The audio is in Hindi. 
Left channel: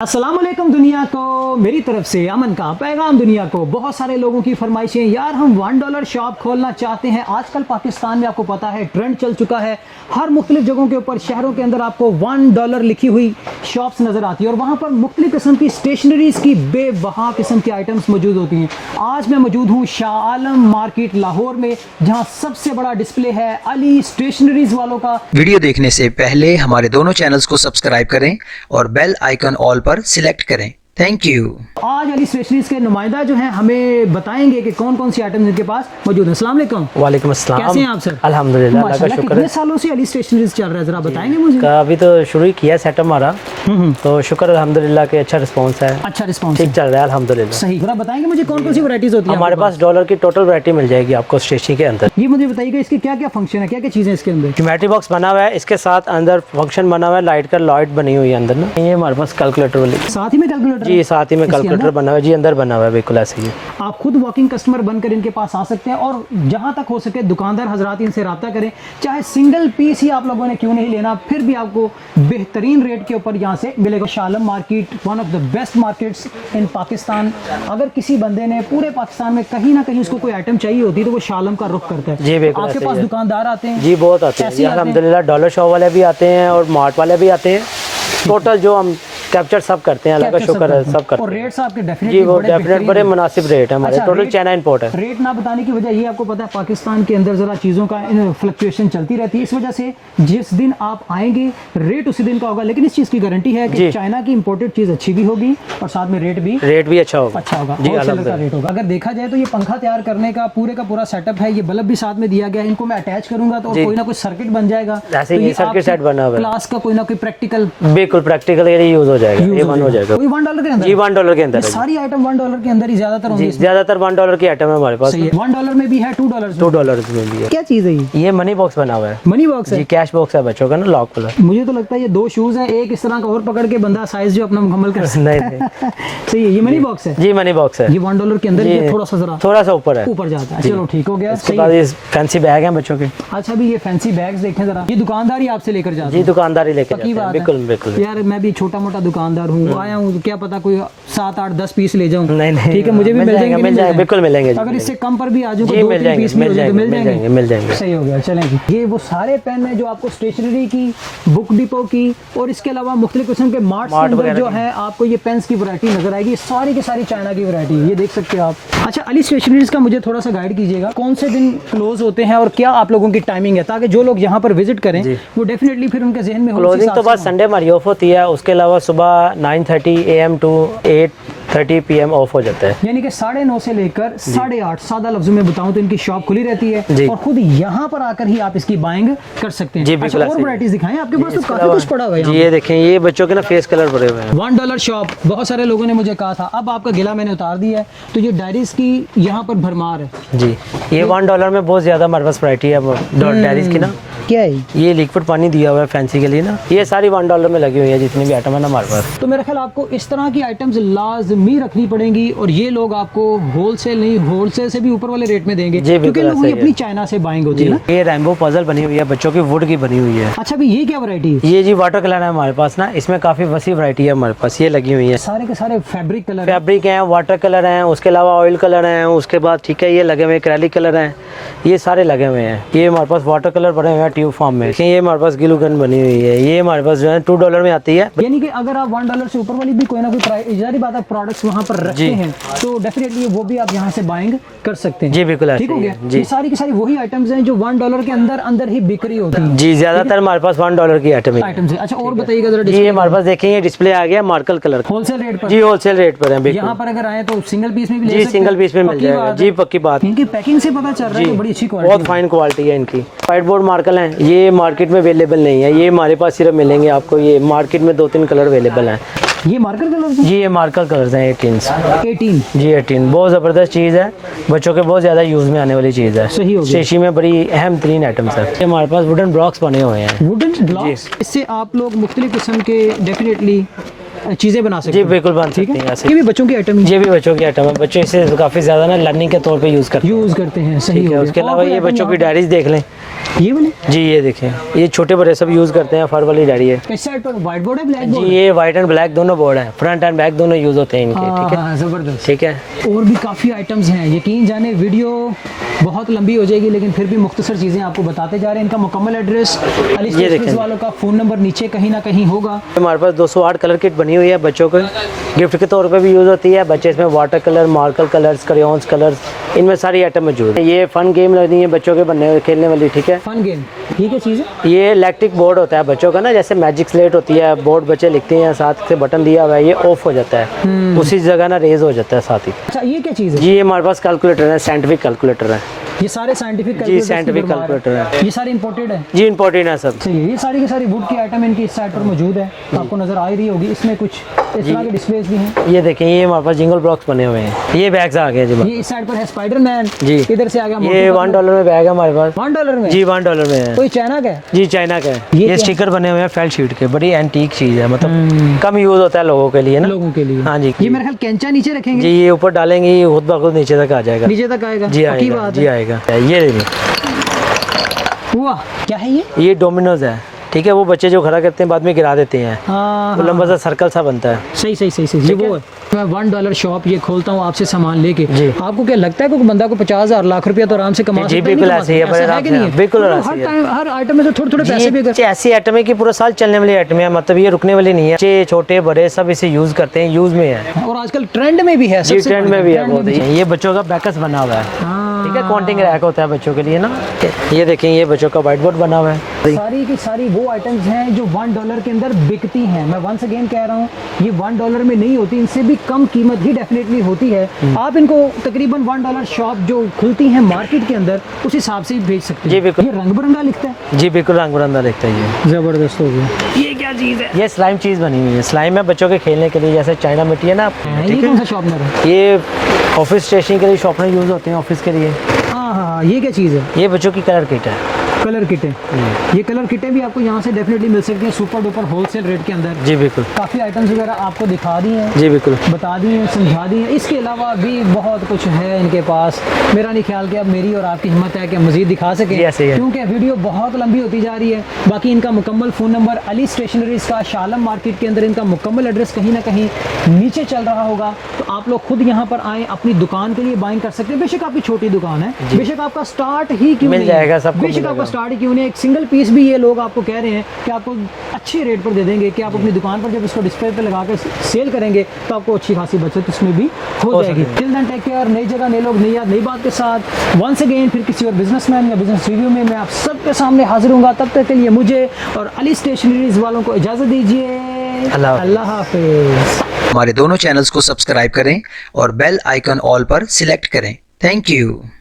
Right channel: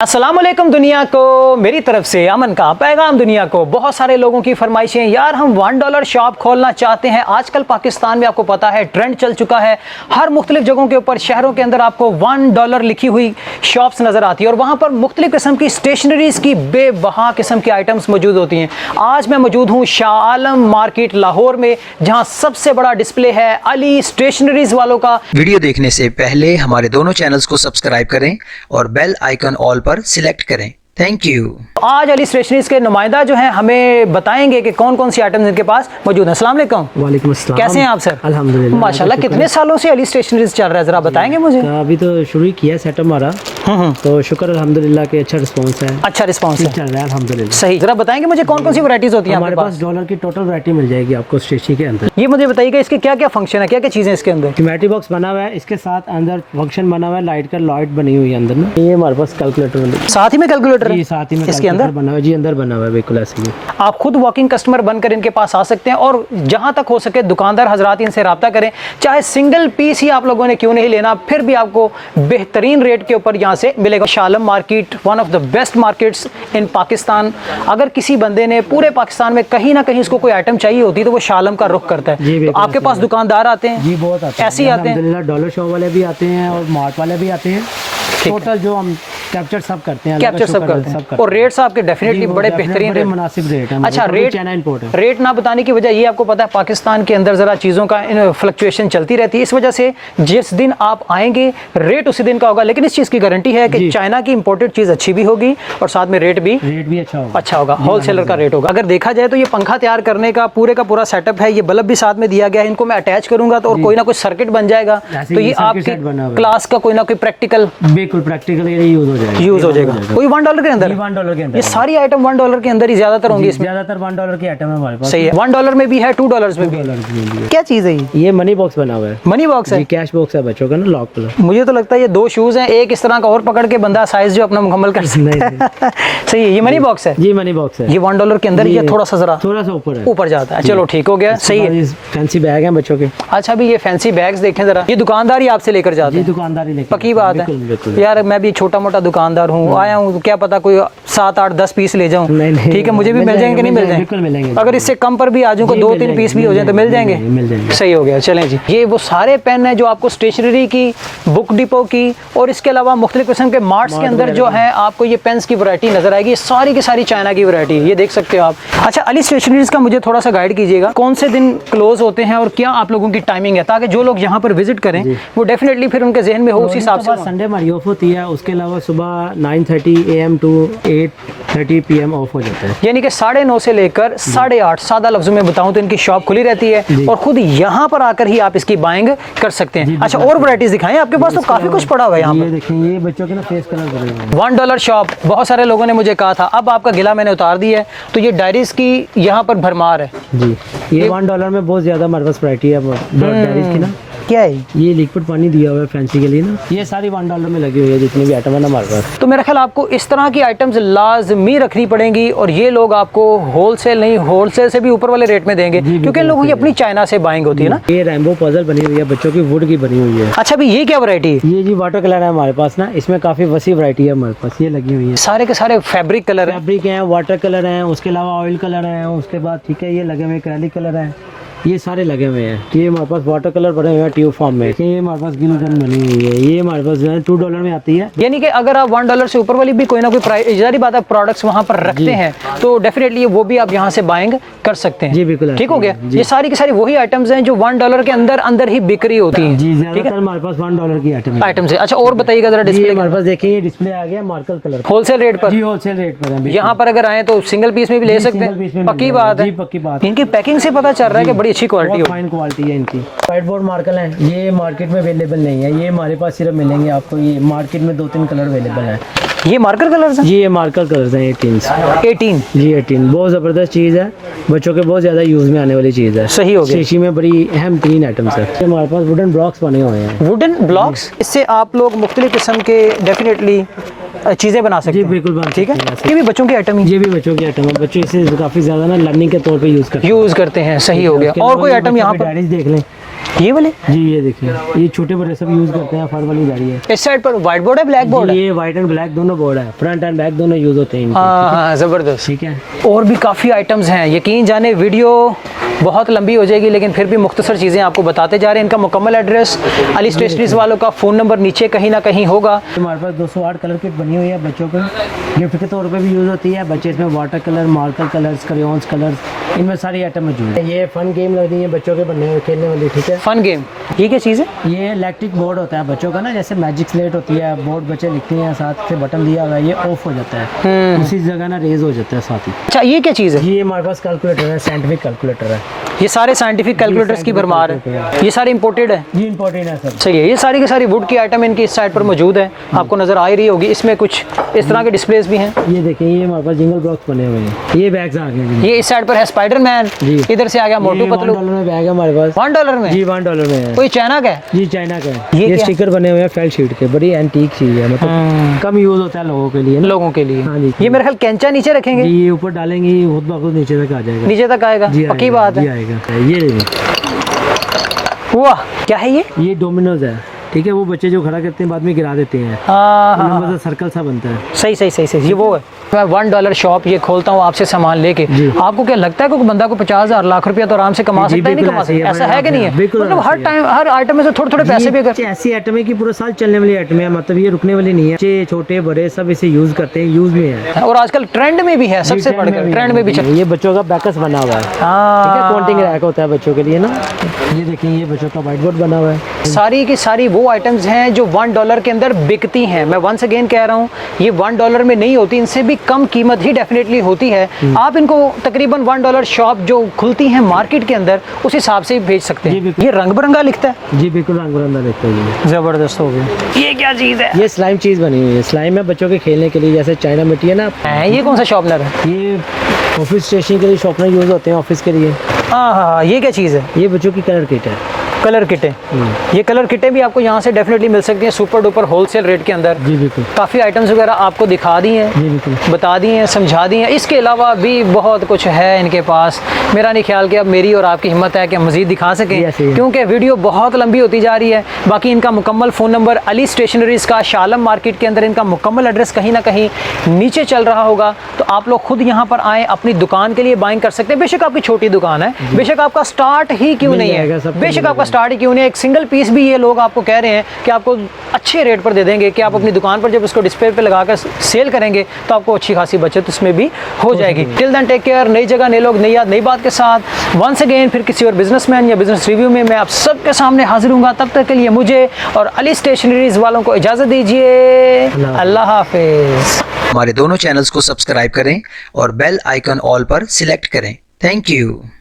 अस्सलाम वालेकुम दुनिया को, मेरी तरफ से अमन का पैगाम दुनिया को। बहुत सारे लोगों की फरमाइशें, यार हम $1 शॉप खोलना चाहते हैं। आजकल पाकिस्तान में आपको पता है ट्रेंड चल चुका है, हर मुख्तलिफ जगहों के ऊपर शहरों के अंदर आपको $1 लिखी हुई शॉप्स नज़र आती है और वहाँ पर मुख्तलिफ किस्म की स्टेशनरीज़ की बेबहा किस्म की आइटम्स मौजूद होती हैं। आज मैं मौजूद हूँ शाह मार्केट लाहौर में, जहाँ सबसे बड़ा डिस्प्ले है अली स्टेशनरीज वालों का। वीडियो देखने से पहले हमारे दोनों चैनल्स को सब्सक्राइब करें और बेल आइकन ऑल पर सिलेक्ट करें। Thank you. आज अली स्टेशनरीज के नुमाइंदा जो हैं हमें बताएंगे कि कौन कौन सी आइटम्स इनके पास मौजूद हैं। अस्सलाम वालेकुम। वालेकुम अस्सलाम। कैसे हैं आप सर? अल्हम्दुलिल्लाह माशाल्लाह। कितने सालों से अली स्टेशनरीज चल रहा है, जरा बताएंगे मुझे? अभी तो शुरू ही किया सेटअप हमारा, तो शुक्र अल्हम्दुलिल्लाह के अच्छा रिस्पांस है। अच्छा रिस्पांस चल रहा है अल्हम्दुलिल्लाह। सही। जरा बताएंगे मुझे कौन कौन सी वैरायटीज होती हैं हमारे पास? डॉलर की टोटल वैरायटी मिल जाएगी आपको स्टेशनरी के अंदर। ये मुझे बताइएगा इसके क्या क्या फंक्शन है, क्या क्या चीजें इसके अंदर? ज्योमेट्री बॉक्स बना हुआ है, इसके साथ अंदर फंक्शन बना हुआ है, लाइट का लाइट बनी हुई है अंदर ना। ये हमारे पास कैलकुलेटर वाली, साथ ही में कैलकुलेटर? ये साथ ही में कैलकुलेटर बना हुआ है जी, अंदर बना हुआ है बिल्कुल ऐसे ही। आप खुद वॉकिंग कस्टमर बनकर इनके पास आ सकते हैं और जहां तक हो सके दुकानदार हजरात इनसे रब्ता करें, चाहे सिंगल पीस ही आप लोगों ने क्यों नहीं लेना, फिर भी आपको बेहतरीन रेट के ऊपर यहाँ से मिलेगा। Shah market one of the best markets in Pakistan. अगर किसी बंदे ने पूरे पाकिस्तान में कहीं ना कहीं इसको कोई आइटम चाहिए होती है तो वो शाह का रुख करता है जी। आपके पास दुकानदार आते हैं? जी बहुत आते हैं, ऐसे ही आते हैं। डॉलर शॉप वाले भी आते हैं और मार्ट वाले भी आते हैं। टोटल जो हम कैप्चर सब करते हैं, कैप्चर सब करते हैं। और रेट्स आपके डेफिनेटली बड़े बेहतरीन, बड़े मुनासिब रेट है। अच्छा, रेट चाइना इंपोर्ट है। रेट ना बताने की वजह ये आपको पता है पाकिस्तान के अंदर जरा चीज़ों का फ्लक्चुएशन चलती रहती है, इस वजह से जिस दिन आप आएंगे रेट उसी दिन का होगा। लेकिन इस चीज़ की गारंटी है कि चाइना की इंपोर्टेड चीज़ अच्छी भी होगी और साथ में रेट भी अच्छा होगा, होलसेलर का रेट होगा। अगर देखा जाए तो ये पंखा तैयार करने का पूरा का पूरा सेटअप है, ये बल्ब भी साथ में दिया गया है। इनको मैं अटैच करूंगा तो कोई ना कोई सर्किट बन जाएगा, तो ये आपके क्लास का कोई ना कोई प्रैक्टिकल, बिल्कुल प्रैक्टिकल यूज हो जाएगा। कोई $1 के अंदर? जी $1 के अंदर। ये सारी आइटम $1 के अंदर ही ज्यादातर होंगी। ज्यादातर $1 की आइटम है हमारे पास। सही है। $1 में भी है, $2 में भी है। क्या चीज है ये मनी बॉक्स बना हुआ है। मनी बॉक्स है? कैश बॉक्स है बच्चों का ना, लॉक वाला। मुझे तो लगता है ये 2 शूज हैं, एक इस तरह का और पकड़ के बंदा साइज जो अपना मुकम्मल कर सकता है। सही है। ये मनी बॉक्स है? जी मनी बॉक्स है। ये $1 के अंदर ये थोड़ा सा ऊपर जाता है। चलो ठीक हो गया, सही है। फैंसी बैग है बच्चों के। अच्छा, अभी ये फैंसी बैग्स देखें जरा। ये दुकानदार ही आपसे लेकर जाते हैं? दुकानदार ही लेकर। पक्की बात है? बिल्कुल। यार मैं भी छोटा मोटा दुकानदार हूँ, आया हूँ, क्या पता कोई 7, 8, 10 पीस ले जाऊँ। ठीक है, मुझे भी मिल जाएंगे? नहीं मिल जाएंगे? बिल्कुल मिलेंगे। अगर इससे कम पर भी आ जाऊँ, 2-3 पीस भी हो जाए तो मिल जाएंगे। सही हो गया, चलें जी। ये वो सारे पेन है जो आपको स्टेशनरी की, बुक डिपो की और इसके अलावा मुख्तलिफ किस्म के मार्ट्स के अंदर जो है आपको ये पेन्स की वैरायटी नजर आएगी। सारी की सारी चाइना की वैरायटी, ये देख सकते हो आप। अच्छा, अली स्टेशनरीज का मुझे थोड़ा सा गाइड कीजिएगा, कौन से दिन क्लोज होते हैं और क्या आप लोगों की टाइमिंग है, ताकि जो लोग यहाँ पर विजिट करें वो डेफिनेटली फिर उनके जहन में हो। तो बस संडे हमारी ऑफ होती है, उसके अलावा सुबह 9:30 AM टू 8:30 PM ऑफ हो जाता है। यानी कि 9:30 से लेकर 8:30, सादा लफ्जों में बताऊं तो इनकी शॉप खुली रहती है और खुद यहाँ पर आकर ही आप इसकी बाइंग कर सकते हैं। अच्छा, और वैरायटीज दिखाएं, आपके पास तो काफी कुछ पड़ा हुआ है। ये देखें, ये बच्चों के ना फेस कलर पड़े हुए हैं। $1 शॉप, बहुत सारे लोगों ने मुझे कहा था, अब आपका गिला मैंने उतार दिया है। तो ये डायरीज की यहाँ पर भरमार है जी। ये $1 में बहुत ज्यादा हमारे पास वैरायटी है डायरीज की ना। क्या है ये लिक्विड पानी दिया हुआ है फैंसी के लिए ना, ये सारी $1 में लगी हुई है जितनी भी आइटम है ना हमारे पास। तो मेरा ख्याल आपको इस तरह की आइटम्स लाजमी रखनी पड़ेंगी और ये लोग आपको होलसेल नहीं, होलसेल से भी ऊपर वाले रेट में देंगे, क्योंकि लोगों की अपनी चाइना से बाइंग होती है ना। ये रेनबो पजल बनी हुई है बच्चों की, वुड की बनी हुई है। अच्छा, अभी ये क्या वैरायटी है? ये जी वाटर कलर है हमारे पास ना, इसमें काफी वसी वैरायटी है हमारे पास, ये लगी हुई है। सारे के सारे फैब्रिक कलर हैं, वाटर कलर हैं, उसके अलावा ऑयल कलर हैं, उसके बाद ठीक है ये लगे हुए एक्रेलिक कलर हैं, ये सारे लगे हुए हैं। ये हमारे पास वाटर कलर बने हुए हैं ट्यूब फॉर्म में। ये हमारे पास ग्लू गन बनी हुई है, ये हमारे पास जो है $2 में आती है। यानी कि अगर आप $1 से ऊपर वाली भी कोई ना कोई प्राइस, जारी बात है, प्रोडक्ट्स वहाँ पर रखते हैं तो डेफिनेटली वो भी आप यहाँ से बाइंग कर सकते हैं। जी बिल्कुल, ठीक हो गया। ये सारी की सारी वही आइटम्स हैं जो $1 के अंदर ही बिक्री होती हैं। जी, ज्यादातर हमारे पास $1 की आइटम्स है। अच्छा, और बताइएगा जरा। डिस्प्ले हमारे पास देखिए, ये डिस्प्ले आ गया मार्कल कलर, होलसेल रेट पर? जी होलसेल रेट पर है। यहाँ पर अगर आए तो सिंगल पीस में भी ले सकते हैं? सिंगल पीस में पक्की बात है जी, पक्की बात। इनकी पैकिंग से पता चल रहा है कि बड़ी अच्छी क्वालिटी, फाइन क्वालिटी है इनकी। व्हाइट बोर्ड मार्कल है, ये मार्केट में अवेलेबल नहीं है, ये हमारे पास सिर्फ मिलेंगे आपको। ये मार्केट में 2-3 कलर अवेलेबल हैं। ये मार्कर कलर्स हैं? ये मार्कर कलर्स हैं 18 जी 18। बहुत ज़बरदस्त चीज़ है, बच्चों के बहुत ज़्यादा यूज़ में आने वाली चीज़ है। सही हो गया। स्टेशनरी में बड़ी अहम 3 आइटम्स है। ये हमारे पास वुडन ब्लॉक्स बने हुए हैं। वुडन ब्लॉक्स, इससे आप लोग मुख्तलिफ किस्म के डेफिनेटली चीज़ें बना सकते हैं। जी बिल्कुल बन, ठीक है। ये भी बच्चों की आइटम? ये भी बच्चों की आइटम है। बच्चे इसे काफ़ी ज़्यादा ना लर्निंग के तौर पे यूज़ करते हैं। सही हो गया। और कोई आइटम यहाँ? डायरीज देख लें, ये वाले जी ये देखें, ये छोटे बड़े सब यूज़ करते हैं, फर वाली गाड़ी है। इस साइड पर व्हाइट बोर्ड है, ब्लैक बोर्ड है? ये व्हाइट एंड ब्लैक दोनों बोर्ड हैं, फ्रंट एंड बैक दोनों यूज़ होते हैं इनके, ठीक है? हाँ, ज़बरदस्त। ठीक है। और भी काफ़ी आइटम्स हैं, यकीन जाने वीडियो बहुत लंबी हो जाएगी, लेकिन फिर भी मुख्तसर चीज़ें आपको बताते जा रहे हैं। इनका मुकम्मल एड्रेस, अली स्टेशनरीज वालों का फ़ोन नंबर नीचे कहीं ना कहीं होगा। हमारे पास 208 कलर किट बनी हुई है बच्चों को, गिफ्ट के तौर पे भी यूज़ होती है। बच्चे इसमें water colour, marker colours, crayons colours, इनमें सारी आइटम मौजूद है। ये फन गेम लगती है बच्चों के बनने हुए खेलने वाली, ठीक है? फन गेम, ये क्या चीज़ है? ये इलेक्ट्रिक बोर्ड होता है बच्चों का ना, जैसे मैजिक स्लेट होती है, बोर्ड बच्चे लिखते हैं, साथ से बटन दिया हुआ है, ये ऑफ हो जाता है, उसी जगह ना रेज हो जाता है साथ ही। अच्छा, ये क्या चीज़ है? जी ये हमारे पास कैलकुलेटर है, साइंटिफिक कैलकुलेटर है। ये सारे साइंटिफिक कैलकुलेटर्स की भरमार है। ये सारे इंपोर्टेड है? जी इंपॉर्टेंट है सब। सही है। ये सारी की सारी वुड की आइटम इनकी इस साइड पर मौजूद है, आपको नज़र आ ही रही होगी। इसमें कुछ इस तरह के डिस्प्लेस भी हैं। ये देखें, ये हमारे पास जिंगल बॉक्स बने हुए हैं। ये बैग्स आ गए जी। ये इस साइड पर है स्पाइडरमैन, जी इधर से आ गया मोटू ये पतलू। $1 में बैग है हमारे पास। $1 में? जी $1 में है। कोई चाइना का है? जी चाइना का है। ये ये क्या? स्टिकर बने हुए हैं फेल शीट के, बड़ी एंटीक चीज़ है, मतलब कम यूज़ होता है लोगों के लिए ना। लोगों के लिए? हाँ जी। ये मेरे ख्याल कैंचा नीचे रखेंगे? जी ये ऊपर डालेंगे, ये खुद ब खुद नीचे तक आ जाएगा। नीचे तक आएगा? जी पक्की आएगा, बात जी है। आएगा। ये देखिए, वाह, क्या है ये? ये डोमिनोज है, ठीक है? वो बच्चे जो खड़ा करते हैं बाद में गिरा देते हैं, हाँ, लंबा सा सर्कल सा बनता है। सही सही सही सही, ये वो है। मैं $1 शॉप ये खोलता हूँ आपसे सामान लेके, आपको क्या लगता है कि बंदा को 50,000 लाख रुपया तो आराम से कमा जी, सकता है? बिल्कुल नहीं ऐसे ही है, ऐसा है कि नहीं है? बिल्कुल मतलब ऐसे हर ही टाइम हर आइटम में से थोड़े थोड़े पैसे भी जी, ऐसी आइटम है कि पूरा साल चलने वाली आइटम है, मतलब ये रुकने वाली नहीं है। बच्चे छोटे बड़े सब इसे यूज करते हैं, यूज में है। और आजकल ट्रेंड में भी है, सबसे ट्रेंड में भी ट्रेंड में भी चल। ये बच्चों का बैकस बना हुआ है, ठीक है? काउंटिंग रैक होता है बच्चों के लिए ना। ये देखें, ये बच्चों का व्हाइट बोर्ड बना हुआ है। सारी की सारी वो आइटम्स हैं जो $1 के अंदर बिकती हैं। मैं वंस अगेन कह रहा हूँ, ये $1 में नहीं होती, इनसे भी कम कीमत ही डेफिनेटली होती है। आप इनको तकरीबन $1 शॉप जो खुलती है मार्केट के अंदर, उस हिसाब से ही भेज सकते हैं। जी बिल्कुल। ये रंग बिरंगा लिखता है? जी बिल्कुल रंग बिरंगा दिखता है। ये जबरदस्त हो गया। ये क्या चीज़ है? ये स्लाइम चीज़ बनी हुई है, स्लाइम है बच्चों के खेलने के लिए, जैसे चाइना मिट्टी है ना। ये कौन सा शॉर्पनर है? ये ऑफिस स्टेशनरी के लिए शॉर्पनर यूज होते हैं, ऑफिस के लिए। हाँ हाँ, ये क्या चीज़ है? ये बच्चों की कलर किट है। कलर किटें, ये कलर किटें भी आपको यहाँ से डेफिनेटली मिल सकती हैं सुपर डुपर होलसेल रेट के अंदर। जी बिल्कुल। काफ़ी आइटम्स वगैरह आपको दिखा दी हैं, जी बिल्कुल, बता दी हैं, समझा दी हैं। इसके अलावा भी बहुत कुछ है इनके पास। मेरा नहीं ख्याल कि अब मेरी और आपकी हिम्मत है कि मज़ीद दिखा सकें, क्योंकि वीडियो बहुत लंबी होती जा रही है। बाकी इनका मुकम्मल फ़ोन नंबर अली स्टेशनरीज़ का शालम मार्केट के अंदर इनका मुकम्मल एड्रेस कहीं ना कहीं नीचे चल रहा होगा, तो आप लोग खुद यहाँ पर आएँ, अपनी दुकान के लिए बाइंग कर सकते हैं। बेशक आपकी छोटी दुकान है, बेशक आपका स्टार्ट ही क्यों नहीं है, बेशक आपका स्टार्ट ही क्यों नहीं है, एक सिंगल पीस भी ये लोग आपको कह रहे हैं कि आपको अच्छे रेट पर दे देंगे, कि आप अपनी दुकान पर जब इसको डिस्प्ले पे लगाकर सेल करेंगे तो आपको अच्छी खासी बचत इसमें भी हो जाएगी। Till then take care. नई जगह, नए लोग, नई याद, नई बात के साथ वंस अगेन फिर किसी और बिजनेसमैन या बिजनेस रिव्यू में मैं आप सबके सामने हाजिर हूँगा। तब तक के लिए मुझे और अली स्टेशनरीज वालों को इजाज़त दीजिए। अल्लाह हाफिज़। हमारे दोनों चैनल्स को सब्सक्राइब करें और बेल आइकन ऑल पर सिलेक्ट करें। Thank you.